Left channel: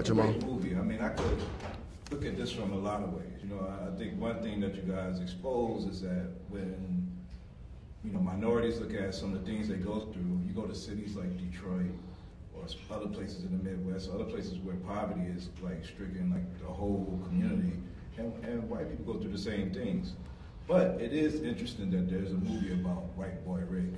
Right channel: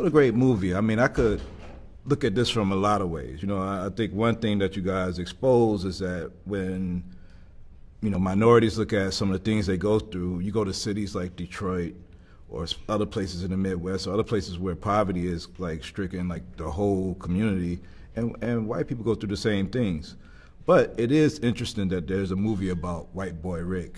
It's a great movie. I mean, I could look at this from a lot of ways. You know, I think one thing that you guys expose is that when, you know, minorities look at some of the things they go through, you go to cities like Detroit or other places in the Midwest or other places where poverty is like stricken like the whole community, and white people go through the same things. But it is interesting that there's a movie about white boy Rick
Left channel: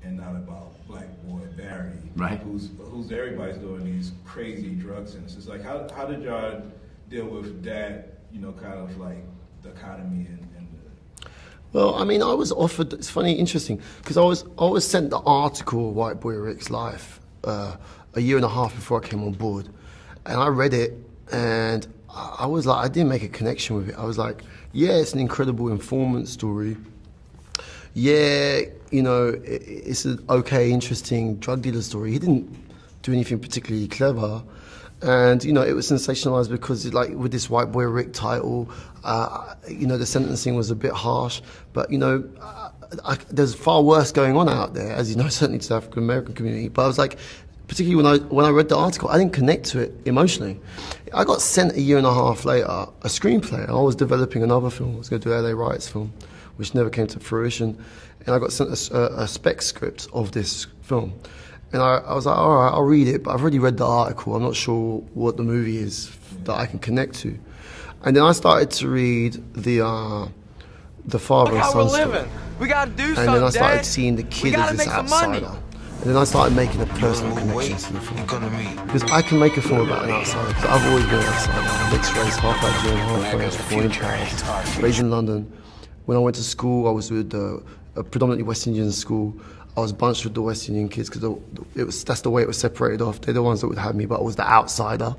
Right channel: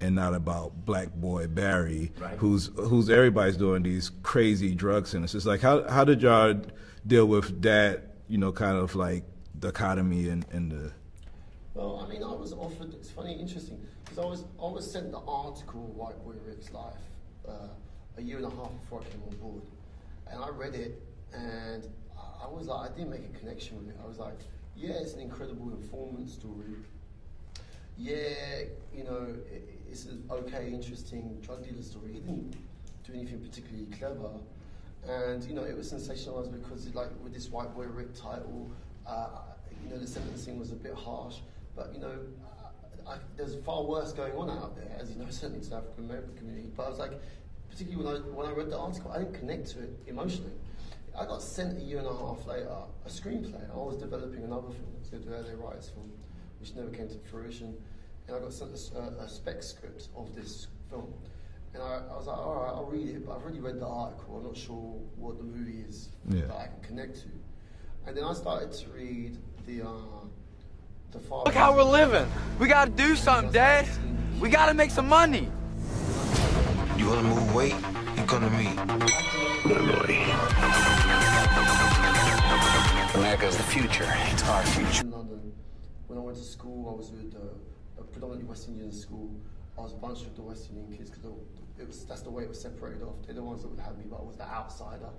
and not about black boy Barry, right, who's everybody's doing these crazy drug sentences. Like, how did y'all deal with that, you know, kind of like dichotomy and the... Well, I mean, I was offered, it's funny, interesting, because I was sent the article, White Boy Rick's Life, a year and a half before I came on board. And I read it, and I was like, I didn't make a connection with it. I was like, yeah, it's an incredible informant story. Yeah, you know, it's an okay, interesting drug dealer story. He didn't do anything particularly clever. And, you know, it was sensationalized because, like, with this White Boy Rick title, you know, the sentencing was a bit harsh. But, you know, there's far worse going on out there, as you know, certainly to the African American community. But I was like, particularly when I read the article, I didn't connect to it emotionally. I got sent a year and a half later a screenplay. I was developing another film. I was going to do an LA Riots film, which never came to fruition. And I got sent a spec script of this film. And I was like, all right, I'll read it, but I've already read the article. I'm not sure what the movie is that I can connect to. And then I started to read the Father. Look how we're living. We gotta do something, Dad. And then I started seeing the kid. We gotta make some money. And then I started making a You wanna move weight? You're gonna meet. Because I can make a film about an outsider. I've always been an outsider. America's the future. It's hard. Raised in London. When I went to school, I was with a predominantly West Indian school. I was bunched with the West Indian kids because that's the way it was separated off. They're the ones that would have me, but I was the outsider.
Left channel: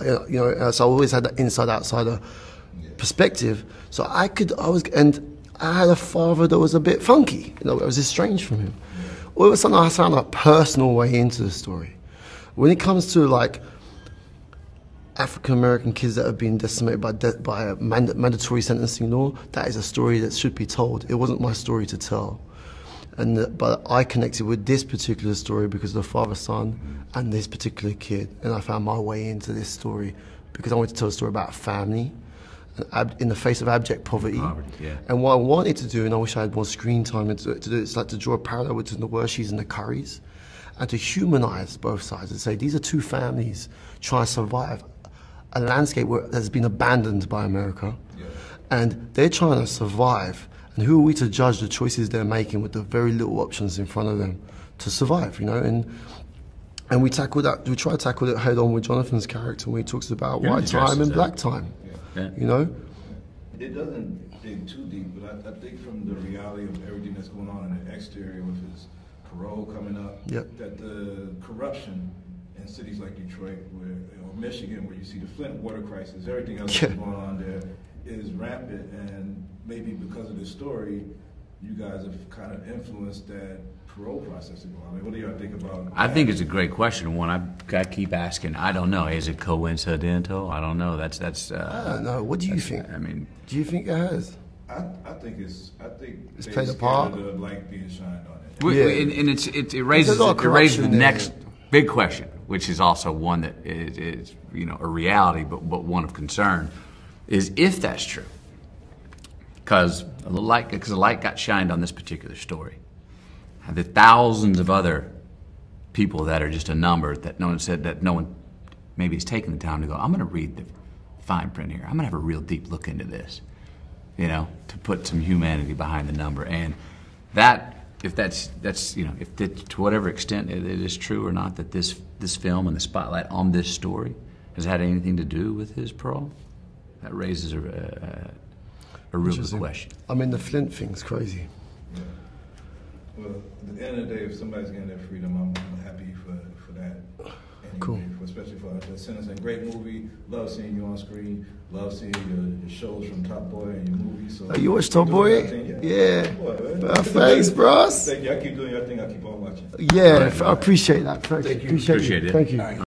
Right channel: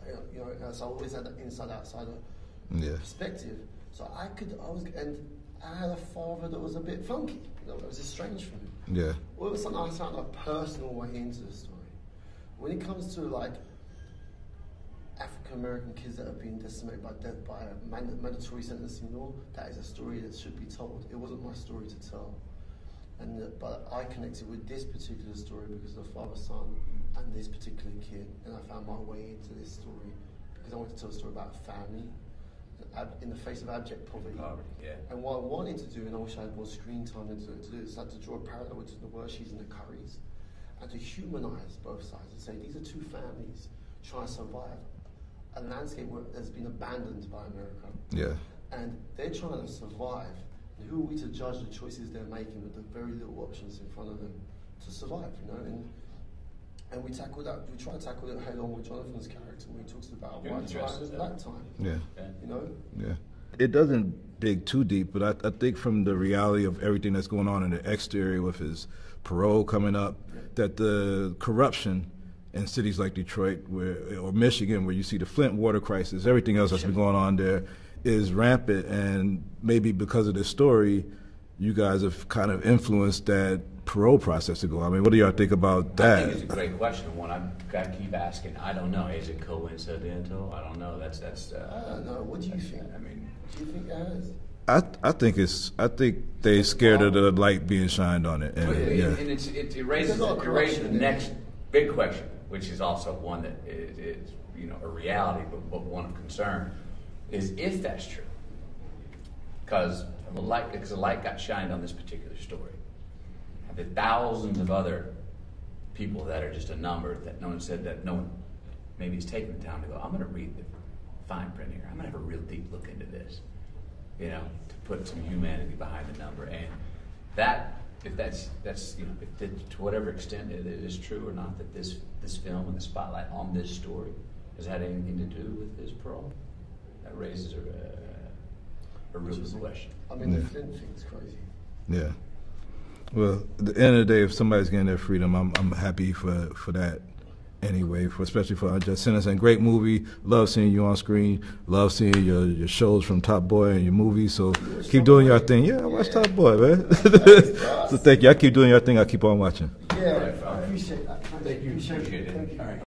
You know, so I always had that inside-outsider perspective. So I had a father that was a bit funky. You know, I was estranged from him. Yeah. All of a sudden, I found a personal way into the story. When it comes to like African American kids that have been decimated by a mandatory sentencing law, that is a story that should be told. It wasn't my story to tell. But I connected with this particular story because of the father-son and this particular kid. And I found my way into this story because I wanted to tell a story about family in the face of abject poverty. And what I wanted to do, and I wish I had more screen time to do, it's like to draw a parallel between the Worshis and the Currys and to humanize both sides and say these are two families trying to survive a landscape that has been abandoned by America. Yeah. And they're trying to survive. And who are we to judge the choices they're making with the very little options in front of them to survive, you know? And we try to tackle it head on with Jonathan's character when he talks about white time and black time, you know? Yeah. It doesn't dig too deep, but I think from the reality of everything that's going on in the exterior with his parole coming up, that the corruption in cities like Detroit or Michigan, where you see the Flint water crisis, everything else that's going on there, is rampant, and maybe because of this story, you guys have kind of influenced that parole process to go. I mean, what do y'all think about that? I think it's a great question. One I keep asking. I don't know. Is it coincidental? I don't know. That's. I don't know. What do you think? I mean, do you think it has? I think they're scared of the light being shined on it. And, and it raises the next big question, which is also one that is you know a reality, but one of concern. Is if that's true, because the light got shined on this particular story. The thousands of other people that are just a number that no one maybe has taken the time to go, I'm going to read the fine print here. I'm going to have a real deep look into this, you know, to put some humanity behind the number. And if that's you know, to whatever extent it is true or not that this film and the spotlight on this story has had anything to do with his parole. That raises a real question. I mean, the Flint thing's crazy. Yeah. Well, at the end of the day, if somebody's getting their freedom, I'm happy for that anyway, especially for Unjust Sentence. And great movie. Love seeing you on screen. Love seeing your shows from Top Boy and your movies. So you watch keep Top doing Boy? your thing. Yeah, I watch Top Boy, man. Thanks, bros. Thank you. I keep doing your thing. I keep on watching. Yeah, I appreciate that. Thank you. Appreciate it. Thank you.